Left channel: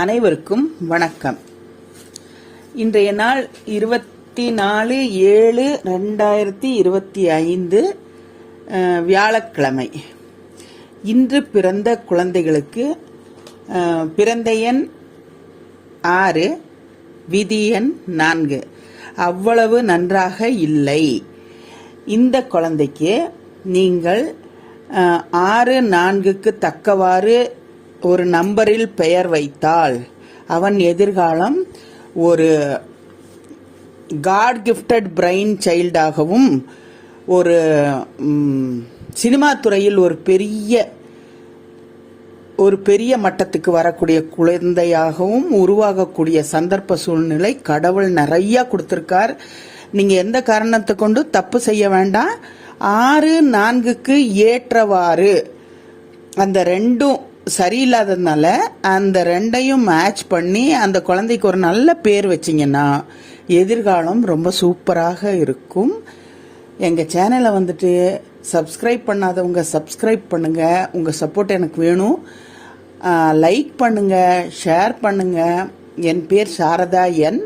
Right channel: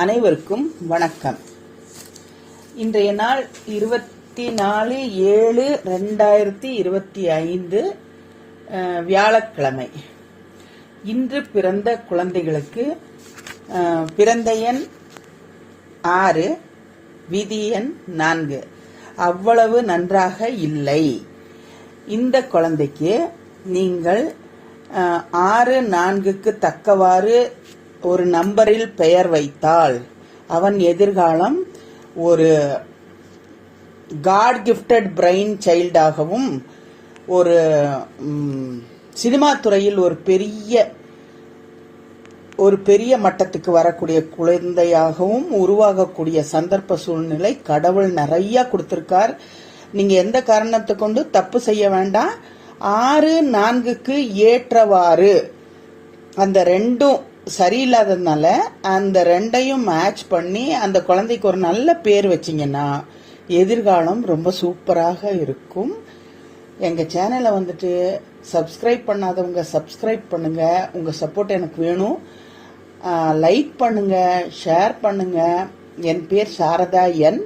அனைவருக்கும் வணக்கம். இன்றைய நாள் இருபத்தி நாலு ஏழு ரெண்டாயிரத்தி இருபத்தி ஐந்து வியாழக்கிழமை. இன்று பிறந்த குழந்தைகளுக்கு பிறந்த எண் ஆறு விதி எண் நான்கு. அவ்வளவு நன்றாக இல்லை. இந்த குழந்தைக்கு நீங்கள் ஆறு நான்குக்கு தக்கவாறு ஒரு நம்பரில் பெயர் வைத்தால் அவன் எதிர்காலம் ஒரு காட் கிஃப்டட் பிரெயின் சைல்டாகவும் ஒரு சினிமா துறையில் ஒரு பெரிய ஒரு பெரிய மட்டத்துக்கு வரக்கூடிய குழந்தையாகவும் உருவாகக்கூடிய சந்தர்ப்ப சூழ்நிலை கடவுள் நிறைய கொடுத்திருக்கார். நீங்க எந்த காரணத்தை கொண்டு தப்பு செய்ய வேண்டாம். ஆறு நான்குக்கு ஏற்றவாறு அந்த ரெண்டும் சரியில்லாததுனால அந்த ரெண்டையும் மேட்ச் பண்ணி அந்த குழந்தைக்கு ஒரு நல்ல பேர் வச்சீங்கன்னா எதிர்காலம் ரொம்ப சூப்பராக இருக்கும். எங்கள் சேனலை வந்துட்டு சப்ஸ்கிரைப் பண்ணாதவங்க சப்ஸ்கிரைப் பண்ணுங்கள் உங்கள் சப்போர்ட் எனக்கு வேணும். லைக் பண்ணுங்கள் ஷேர் பண்ணுங்கள் என் பேர் சாரதா என்